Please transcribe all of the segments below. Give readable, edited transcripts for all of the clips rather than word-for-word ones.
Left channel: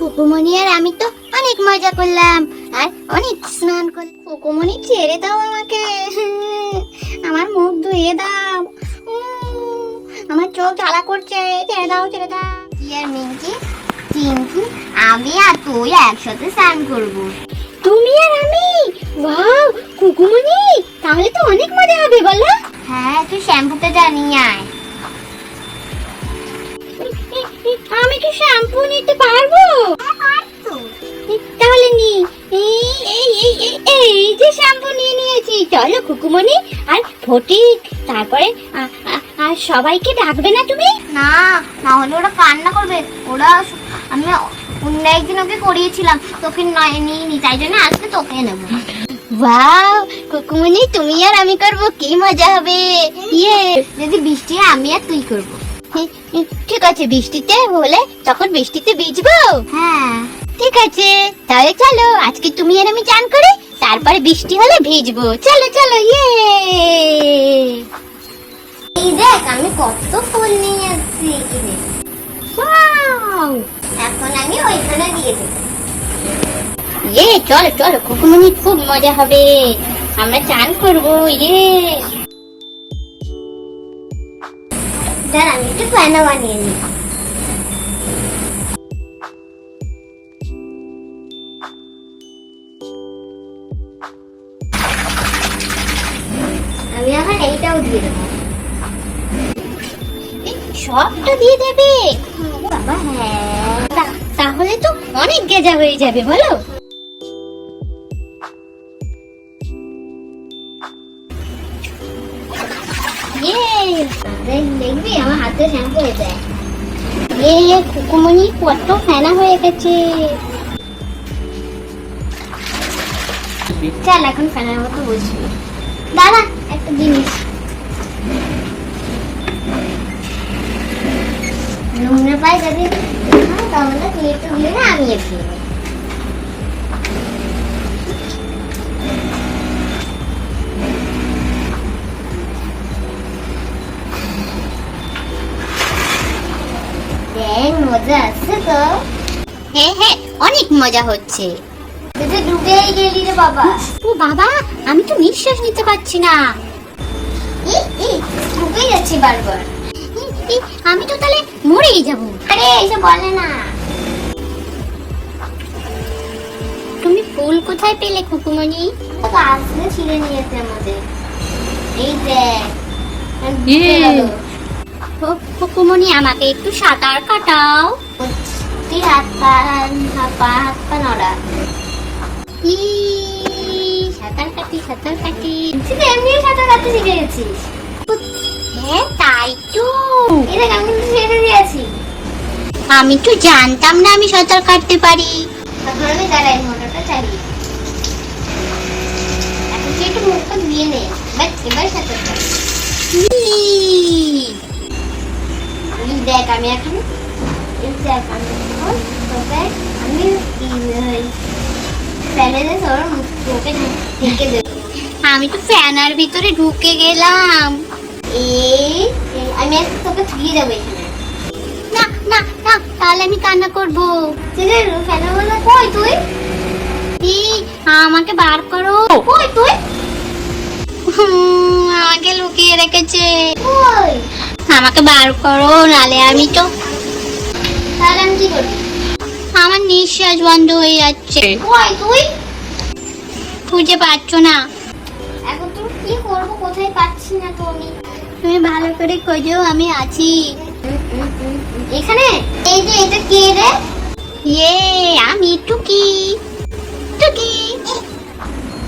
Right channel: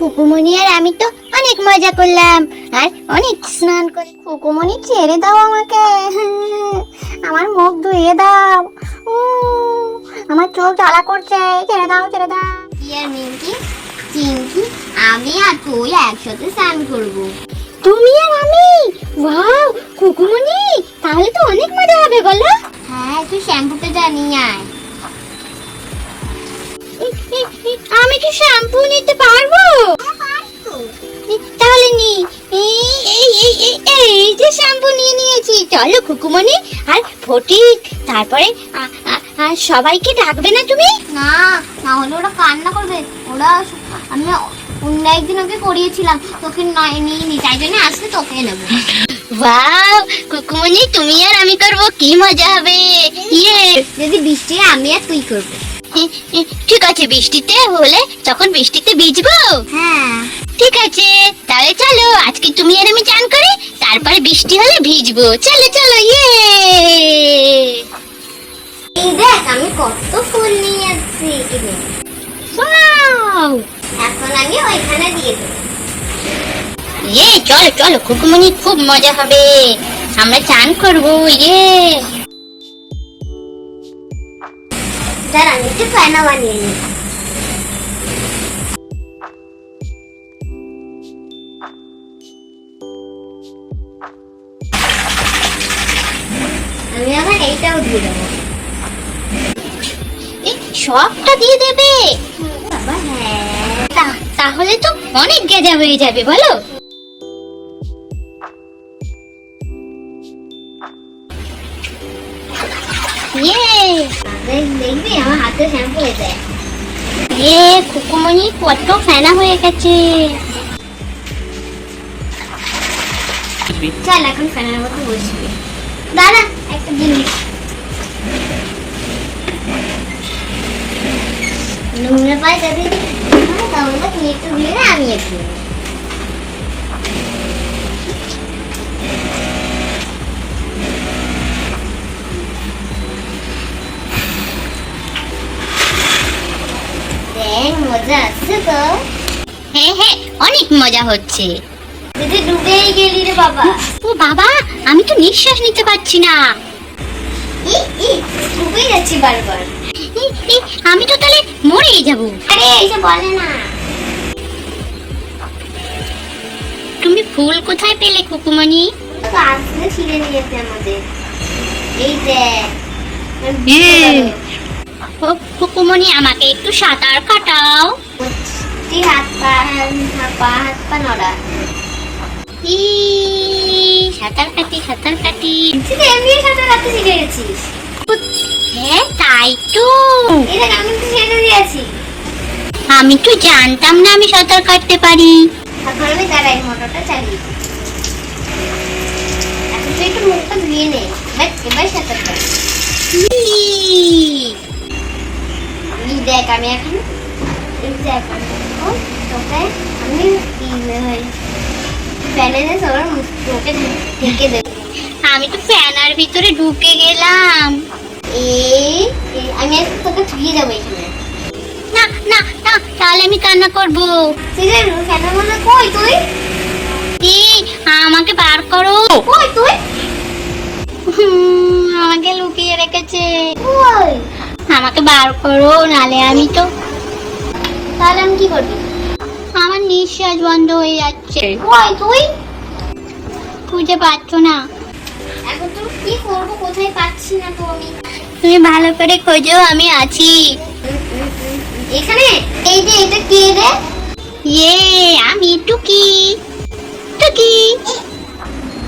খুকুমনি আর আমি তো অনেক মজা করলাম আর অনেক স্নান করে। খুকুমনি ছেড়ে দাও আমাকে, আমার মুখ ধুইয়ে দাও, আমার চোখ জ্বালা করছে, ছেড়ে দাও ছেড়ে দাও। কি আর মিঙ্কি, চিঙ্কি, আমি আর তুই একসাথে স্নান করবো। তুমি আর আমি? ওয়াও খুকুমনি, তাহলে তো অনেক মজা হবে বলো। হ্যাঁ, তুই শ্যাম্পুটা জানিয়ে আয়। আমি কি শ্যাম্পু নিতে পারবো? তাহলে নি, এই যে শ্যাম্পু নিয়ে নিয়েছি। চলো খুকুমনি আর ফটিক, তারপরে আর সবাইকে ডাকবে না তুমি? না, না হলে ওরা কান্না করবে। ওরা আমি অন্য একদিন ওকে করিয়েছিলাম, তোকে নয় নিইনি, তাই জন্য আসলে তোকে নেবো। ওয়াও খুকুমনি, তুমি আর আমি করবো, কি মজা হবে। ইয়ে, যদি বৃষ্টি আমি আর তুই করবো। ঠিক আছে, বৃষ্টিতে হলে তখন বৃষ্টিতে ভিজবো। হ্যাঁ ঠিক আছে, তাহলে চলো আজকে তুমি আর আমি চান করে তারপর বৃষ্টি হলে ভিজবো। চলো চলো। ইয়ে, এই দেখ আমি কত ফুল নিয়ে আসছি এখানে। ওয়াও, এখন আমি ওইখানে দিয়ে দেবো। ইয়ে, চলো চলো খুকুমনি, খুব মজা হবে, আমরা চান করবো। ইয়ে, দাঁড়া আমি একটু ফ্যানও বানিয়ে নিই। আমি আবার এইটাও দিয়ে দেবো। সবটা দিয়ে দেবে বাবা? হ্যাঁ, তাহলে তো অনেক গেজা হয়ে যাবে বলো। দেখবি আমার হাতে শ্যাম্পু হয়ে যায়। খুকুমনি কত ফেনা হয়ে গেছে। চল এখন ফ্যানের মতো বসবি। দাঁড়া একটা জিনিস, নুনে পাই যদি তাহলে তুই একটু দিয়ে না, আমি একটু। মজা আছে তো? হ্যাঁ হ্যাঁ, অনেক মজা হচ্ছে। তুই ডুবেই গেলি রে বাবা। ও বাবা, আমি তো নিঃশ্বাস নিতে পারছি না। ডুবেই যাচ্ছি বারবার। আমি তো তাহলে মরেই যাব। আরে এইসব বলে না। তুমি ফুল কোথায় পেলে খুকুমনি? আসলে ছিঁড়ে নিয়েছে আমাদের। এই দেখ। খুকুমনি আমাকে একটু সাঁতার কাটাও। তুই হাত পা নড়া। সাঁতার কাটি সাঁতার কাটি। তুই এমনি সাঁতার কাটতে শিখে গেছিস? হ্যাঁ তাই তো। আমি তো ছেড়ে দিয়েছি। আমি তো জানতাম না আমি সাঁতার কাটতে পারি। এখন আমি দাঁড়াই, মোটরটা চালিয়ে। এখন তুই একটু মুখটা ধুয়ে নে, এবার সাঁতার কাট। দেখ আমি এখন আমি তো ফ্যানের ভিতরে ঢুকে গেলাম। আমি তোকে ছুঁয়ে যাবো এখানে। না না না, তাহলে আমি কান্না করবো। ফ্যানের মধ্যে কই তুই? আমাকে বার করো। কই তুই? আমাকে লুকিয়ে রেখেছে। কই? আমাকে বার করো, নালে আমি তো। তাহলে আমি কি করব? আমার নিঃশ্বাস বন্ধ হয়ে যাচ্ছে। কই তুই? খুঁজে পাচ্ছ না। এখন তো কি করব, কোথায় পাচ্ছি না তো আমি। তুমি ভালো করে খোঁজো, আমি আছি এখানে। এই যে এটা কে রে? আমি টুকি। টুকি,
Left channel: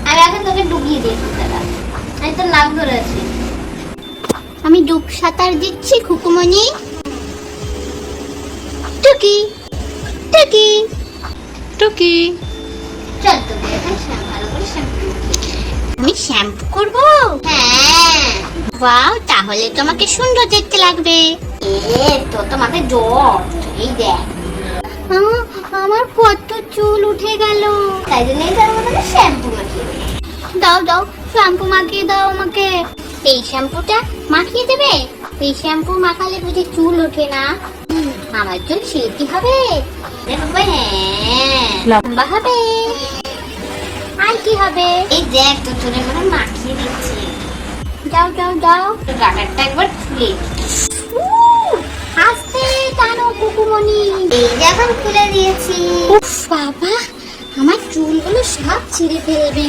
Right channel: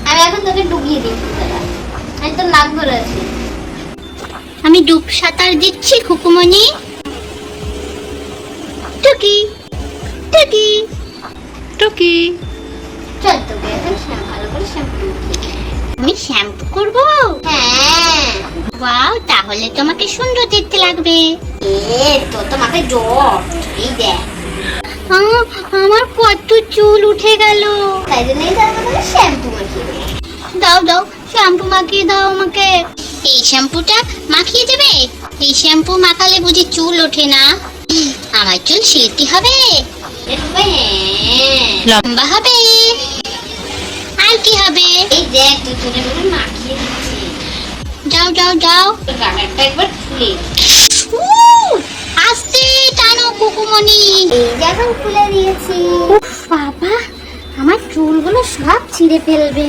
আমি এখন তোকে ডুবিয়ে দিয়েছি। আমি তো নাক ধরে আছি। আমি ডুব সাঁতার দিচ্ছি খুকুমনি। টুকি টুকি টুকি, চল তোকে এখন ভালো করে শ্যাম্পু। আমি শ্যাম্পু করব? হ্যাঁ। ওয়াও, তাহলে তোমাকে সুন্দর দেখতে লাগবে। তো তোমাকে জ্বর। এই দেখ আমার কত চুল উঠে গেল। তাই জন্য শ্যাম্পু মাখিয়ে দাও। দাও শ্যাম্পু মাখিয়ে দাও আমাকে। এই শ্যাম্পুটা মাখিয়ে যাবে? এই শ্যাম্পু মাখালে বুঝি চুল ওঠে না? আমার চুল সিল্কি হবে। লম্বা হবে। আর কি হবে? এই দেখ তোরে বাবা মাখিয়ে দিচ্ছে। যাও যাও যাও, গাটারটা একবার খুলে আস্তে টানো কুকুমনি। এই যে এখন খুলে দিয়েছি। উফ বাবা, আমার চুলগুলো সব ছিঁড়ে ফেলবে।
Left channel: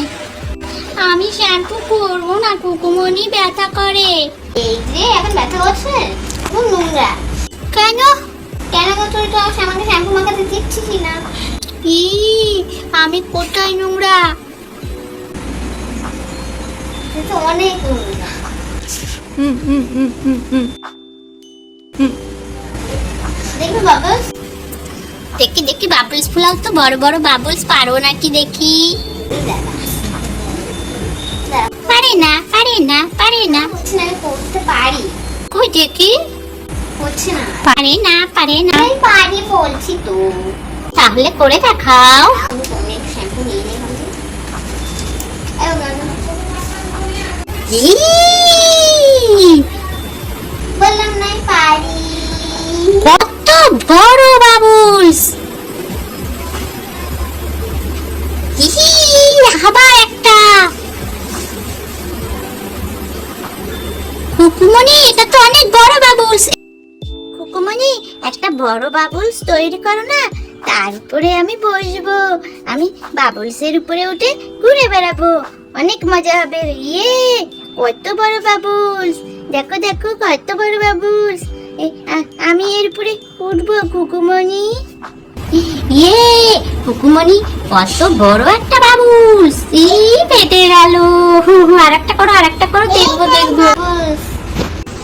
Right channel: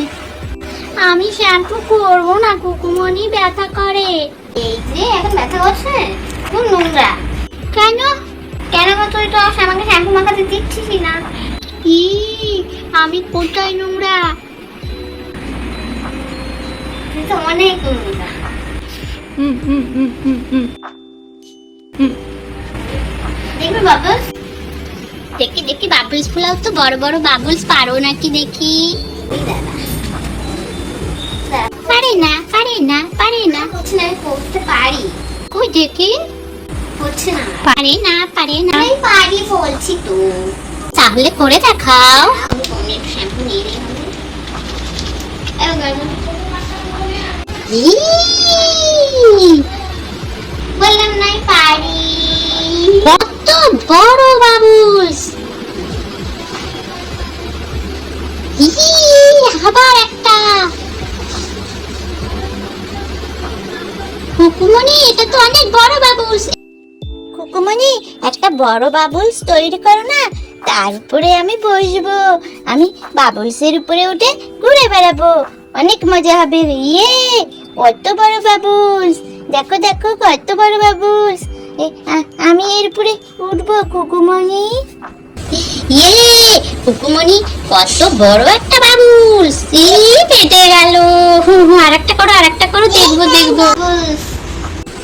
আমি শ্যাম্পু করব না কুকুমনি, ব্যথা করে। এই যে এখন ব্যথা করছে, খুব নোংরা। কেন কেন গো, তুই তো আমাকে শ্যাম্পু মাখাতে দিচ্ছিস না। ই আমি কোথায় নোংরা? তুই তো অনেক নোংরা। দেখবি বাবলস? দেখি দেখি বাবলস ফুলাও তো, বড় বড় বাবলস পারো নাকি দেখি। পারে না পারে না পারে না, হচ্ছে না। আমি করতে পারি, কই দেখি। হচ্ছে না, পারে না পারে না। আমি পারি বলছি তো। তাহলে করে দেখাও। আমি অনেক শ্যাম্পু নিয়ে নেই। বললাম নাই পারি। কত বড় বাবুলস! আবার একটা। কুকুমনি, এটা তো অনেক বড় বাবুলস। কুকুমনি, একটা বড় বাবুলস তৈরি করো না, তার উপরে আমি বসবো। আমি বাবুলসের উপরে উঠে ঘুরে বেড়াবো, অনেক মজা হবে। ইয়ে, কত বড় বাবুলস! দেখো দেখো কত বড় বাবুলস। আমি এর উপরে উঠবো কুকুমনি। ইয়ে কুকুমনি, কত বড় একটা বাবুলস! এই পেটে গেল। আরেকটা করো আরেকটা করো, দেখবো দেখবো।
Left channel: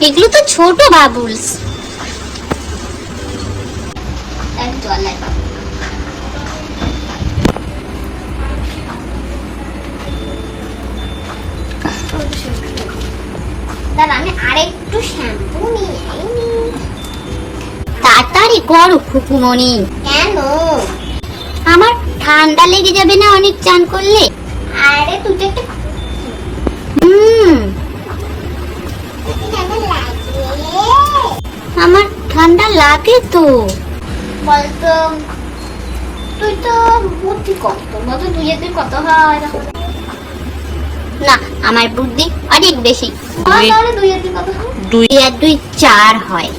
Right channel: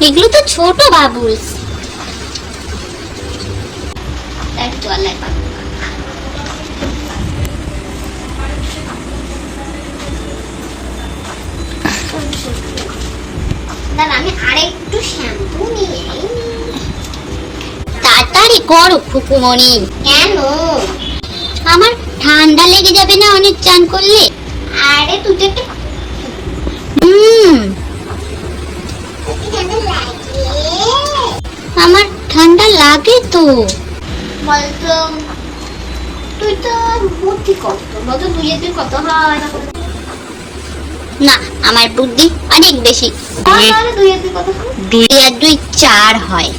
এগুলো তো ছোট বাবুলস। জল লাগবে। দাঁড়া, আমি আরেকটু শ্যাম্পু নিয়ে তাড়াতাড়ি করো কুকুমনি। কেন? আমার ঠান্ডা লেগে যাবে না অনেক চান করলে? আরে তুই তো একটা আমার ঠান্ডা লাগে তো। বলতো তুই তো বুদ্ধি কত, বলতো 2 আর 2 কত হয়? না, আমার বুদ্ধি অনেক বেশি। তাহলে 2 আর 2 কত হয়? 2 আর 2 4 হয়।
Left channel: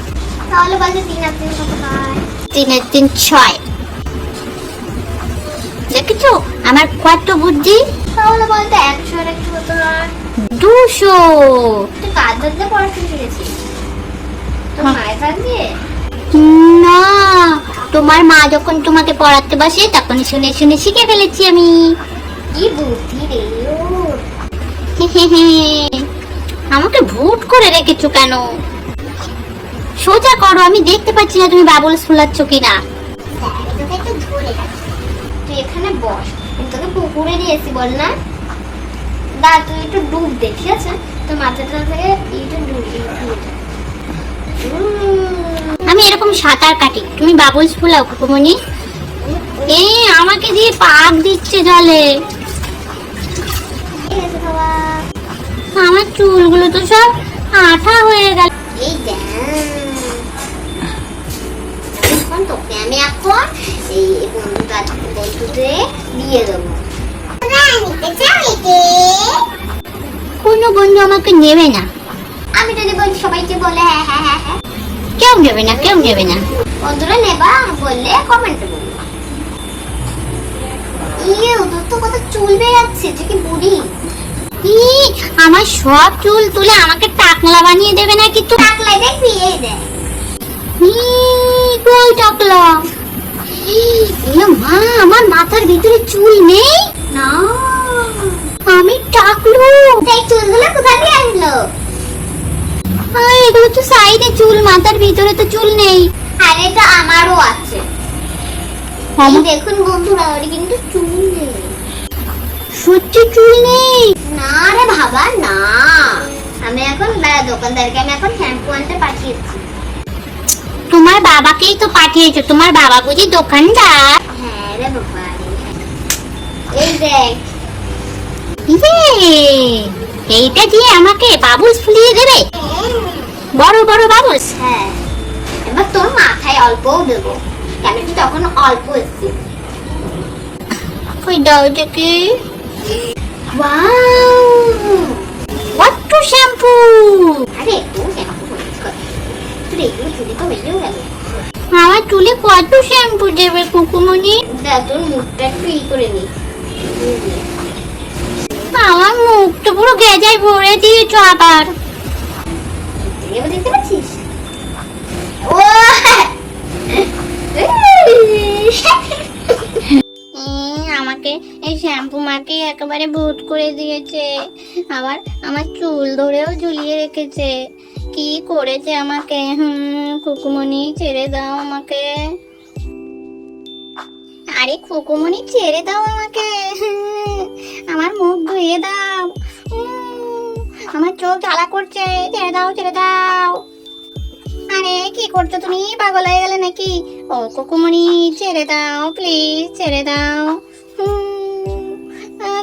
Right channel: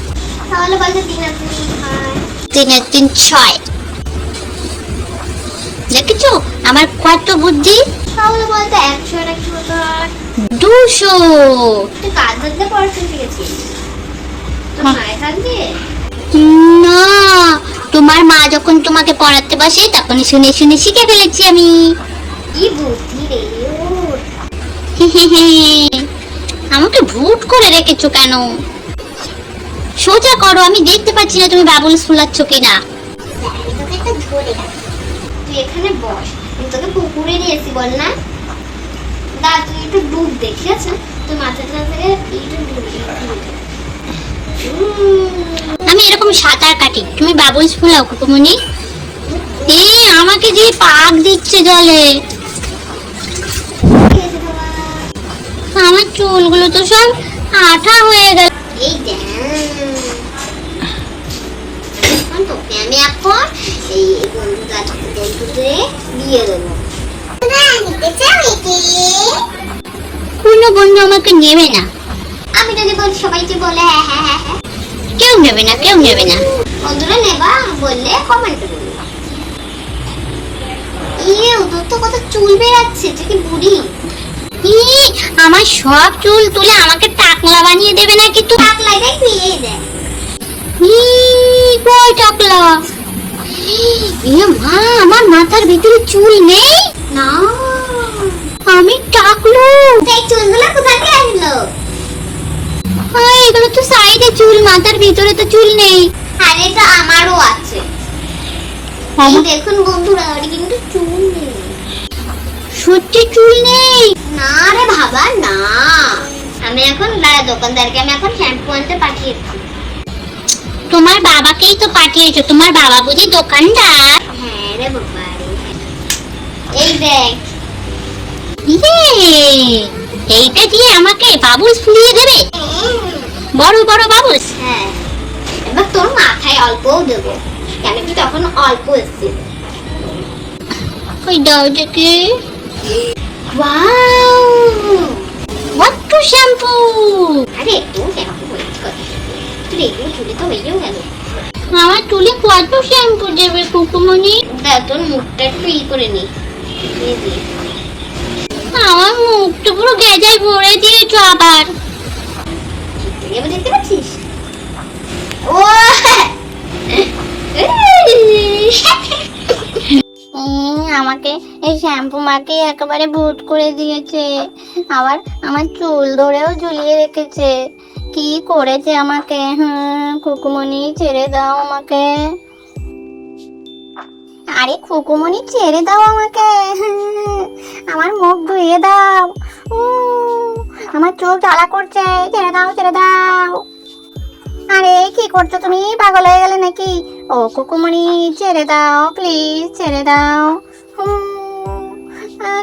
তাহলে বলতো 3 আর 3 কত হয়? 3 আর 3 6। দেখেছো আমার কত বুদ্ধি? তাহলে বলতো 100 আর 100 কত হয়? 200। তুই কাজ ধরতে পড়াশোনা শিখেছিস? তোর মায়ের কাজ দিয়ে? না, তোমার মা যখন তোমাকে পড়াতে বসে তখন শুনে শুনে শিখে ফেলেছি আমি। কি বুদ্ধি রে ওর! আমাকে ভূত করে রেখেছো কেন? সোজা করো, আমি দেখতে পাচ্ছি না তুমি বাবুলস ফুলাচ্ছ কিনা। তুই এখানে বস, আমি তোকে পুকুরে নিয়ে এসি বল না। দা তুই একটু ডুব দে, ঠিক আছে? তোর মাথাটা থেকে এইটা ডুব। আমি এরকম সাঁতার কাটি, তুমি বাবুলস ফুলাও কুকুমনি। এই আমাকে দিয়ে পাক দিচ্ছে জলে। আমার চুলগুলো তো সব আঠা হয়ে গেল। এই দেখ, তোকে আমি এখন এই বন্ধুদের দিয়ে দেবো। কোনো বন্ধু আমাকে নেবে না। আমি যদি বলি সবাইকে বলে হ্যাঁ হ্যাঁ হ্যাঁ হ্যাঁ, কেউ নেবে না, কেউ নেবে না। বন্ধুরা নেবা বললে কমেন্টে বলবে। ইয়ে, তোর তো কত চুল বেরাচ্ছে, তুই কি বুড়ি? আমার সব চুল তুলে আমাকে টাকলা বানিয়ে দেবে না কিন্তু। টাকলাই দেখবি, এই দেখ। কই টাকলা? এ মা, আমার মাথার ভিতরে চুল নেই না, আমি টাকলা। এই চুলগুলো কোথা থেকে আসলো? এগুলো তো সাইডে চুল, মাথার ভিতরে তো চুল নেই। আরে তো আমারও আছে। দেখুন বন্ধুরা, ওর কিন্তু চুল নেই। সত্যি চুল নেই? না রে বাবা না। আমি এখন দোকানদারকে আমি এখন শ্যাম্পু আনতে পাঠিয়েছি। তোমার বাবাকেই তো পাঠিয়েছো, তোমার বাবা বুঝি দোকানদার? হ্যাঁ রে বাবা। এই দেখ, এইটা দিয়ে আমাকে বাবুলস ফুলিয়ে দেবে? বড় বড় বাবুলস? হ্যাঁ। এবার তোর মাথায় অল্পও দেবো, কেন কি তখন অল্প এসছে। কই দাও দেখি। ওয়াও, কত শ্যাম্পু! আরে একটু শ্যাম্পু চুলে তো হয়েও গেল। আমার চুলে কত শ্যাম্পু দেবে কুকুমনি? তোর মুখটা একটু করে নি। আমার মুখ তো পুরো গেজায় ভরে দিয়েছো আবার। দেখতে পাচ্ছিস? ও আমাকে এই শ্যাম্পু মাকে একেবারে ভূত করে দিয়েছে। আবার আমার চুল ধরেও ঝুলিয়ে রেখেছে। কি করেছে আমাকে? খুকুমনি ছেড়ে দাও আমাকে। আরে খুকুমনি ছেড়ে দাও আমাকে। আমার মুখ ধুইয়ে দাও। আমার চোখ জ্বালা করছে। ছেড়ে দাও, ছেড়ে দাও। আরে কি করছো তুমি? পাগল হয়ে গেলে নাকি? ও কুকুমনি ছেড়ে দাও প্লিজ, ছেড়ে দাও।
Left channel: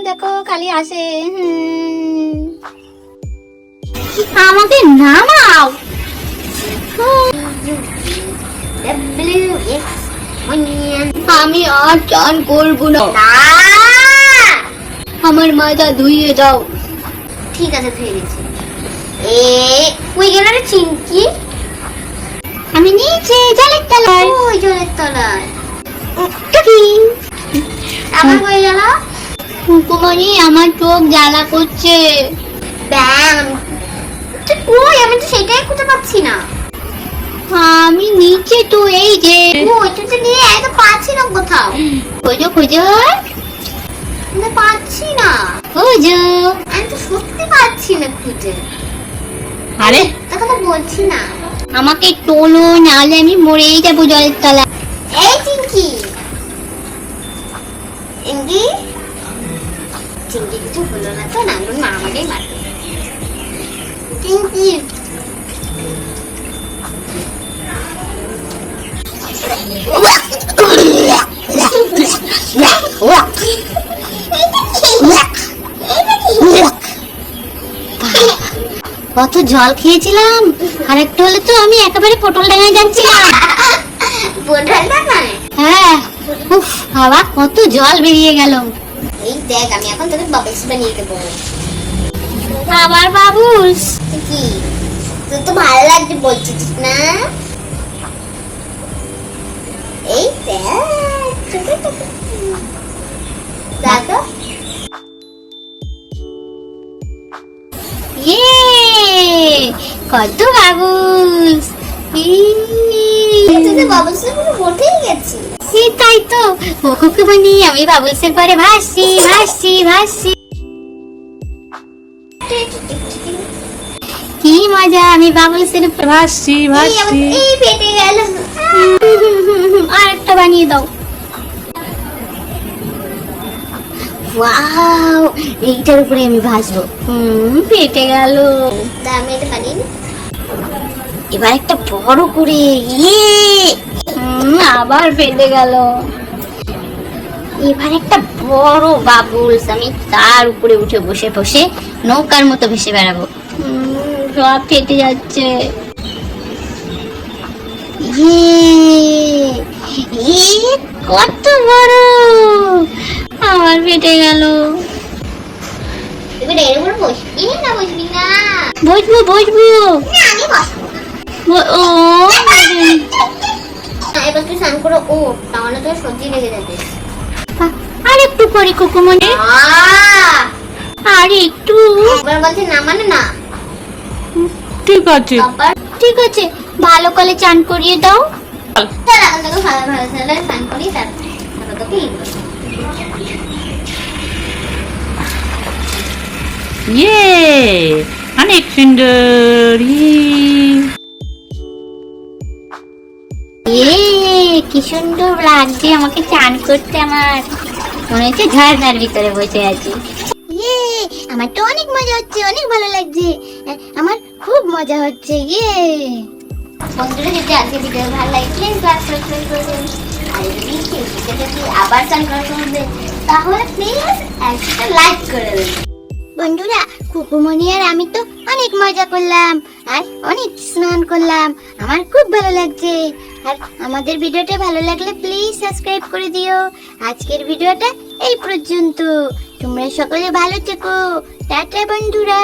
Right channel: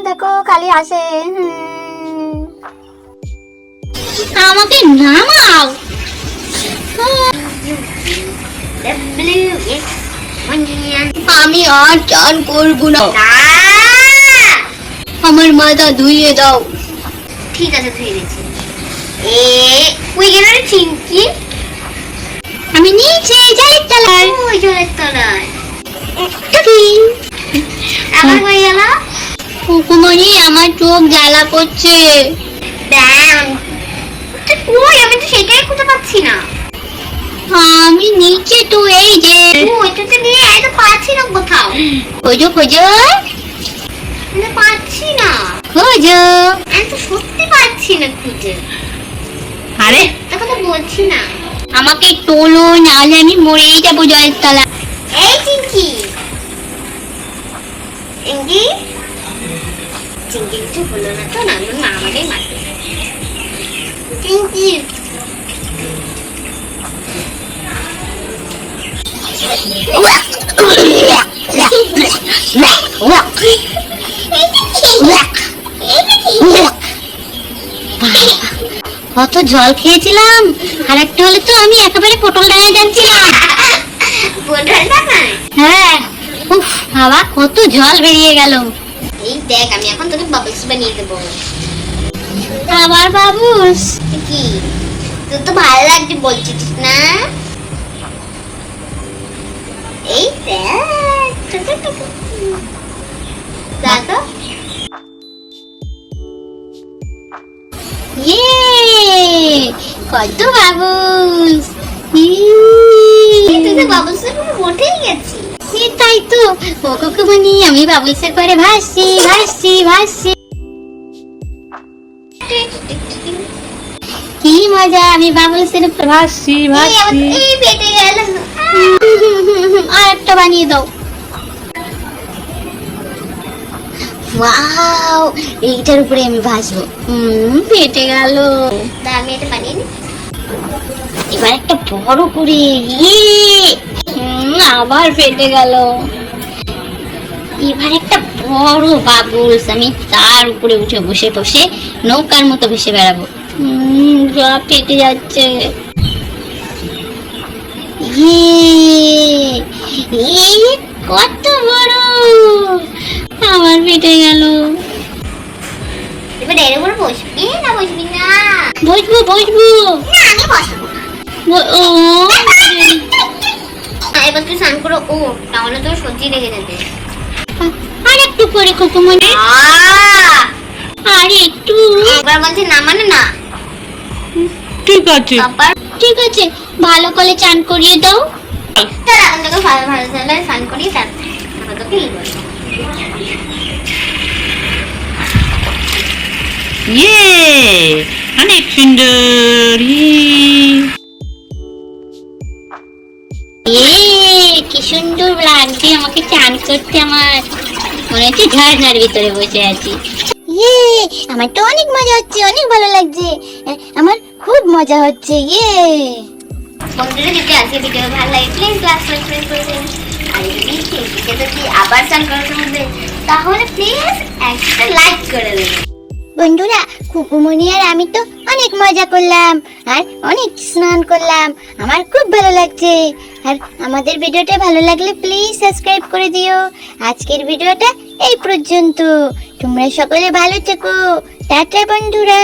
দেখো খালি আসে। আমাকে নামাও। আমি আর চান করবো না। আমার মাথা ধুইয়ে দাও। ঠিক আছে, ধুয়ে দিচ্ছি। ওই গেল রে চিংকি। আমি নিচে জলের তলায়। ওই জলের তলায় আমার হয়ে গেল। কুকুমনি আমার চোখ জ্বালা করছে। ওই আমি তো সেটাই খুঁজে পাচ্ছি না। আমি নিচে তো, এই যে ওইটা তো নিয়ে তো পাচ্ছি না কোথাও। খোঁজো খোঁজো, পাচ্ছি না। খোঁজো, আমি তো সত্যি পাচ্ছি না খুঁজে। আরে তোকে তো বলছি না। আমাকে তোলো, নাহলে আমি মরেই যাবো জলের তলায়। এই চিংকি, চিংকি চিংকি কিছু হলো না তো? না মা আমাদের মারবে। চিংকি কত জল খেয়েছিলাম। আর একটা হলে তো আমি একেবারে পটল ডাঙায় যাচ্ছিলাম। হ্যাঁ, বাবা কত জল বেরিয়ে গেল। এই দেখ, আমি এখন তোকে বাবলস বানিয়ে দেবো। আবার বাবলস? কি তোর তো ভালো লাগছে বলছিস না? এই দেখ দেখো। কত বাবলস! তাই তো কুকুমনি, আমি বাবলসের পরে ভাসছি ভাসছি ভাসছি। কি মজা, আমি বাবলসের ভাসছি ভাসছি। পেটে গেল। আর একটা বানিয়ে দাও। ওয়াও, এইটার উপরে আমি ভাসবো। পেটে গেল। আমি এটা বানিয়ে নি। এবার একটা বড় করে। আবার ফেটে গেল। এবার একটা বড় বাবুলস, আমি তার উপরে উঠে বসে বসে নৌকার মতো ভেসে বেড়াবো। সব ফেটে যাচ্ছে। কত বড়! আবার ফেটে গেল। এবার এর উপর বসবি না বসবি না? বসবো বসবো। না আমি বসবো। ও এবার তুই স্নান করে ও, তাহলে তোর সর্দি লেগে যাবে। আর একটু পরে কুকুমনি। আর একটু। একবার বলছি না মানে না। ঠিক আছে ঠিক আছে, ভালো করে চান করিয়ে দাও। চল এখন তোকে ভালো ভালো স্নান করিয়ে তারপর তোকে ইয়ে অনেক সুন্দর। কি সুন্দর লাগছে আমাকে চান করতে। আমার মনে হচ্ছে ঝর্ণার ভিতরে বসে আছি। আমার তো অনেক মজা হচ্ছে, অনেক ভালো লাগছে। আমার খুব মজা হচ্ছে। বন্ধুরা, যদি আজকে ভিডিও ভালো লাগে প্লিজ আবার চান করতে হবে, তাহলে প্লিজ একটা লাইক করে দেবেন। বন্ধুরা, খুকুমনি আর আমি তো অনেক মজা করলাম আর অনেক স্নান করলাম। আমার খুব ভালো লাগছে। আর আমাদের ভিডিওটা ভালো লাগলে প্লিজ সাবস্ক্রাইব করে দিও। আজকের ভিডিওটা এই পর্যন্ত। তোমরা সকলে ভালো থেকো। টাটা বন্ধুরা।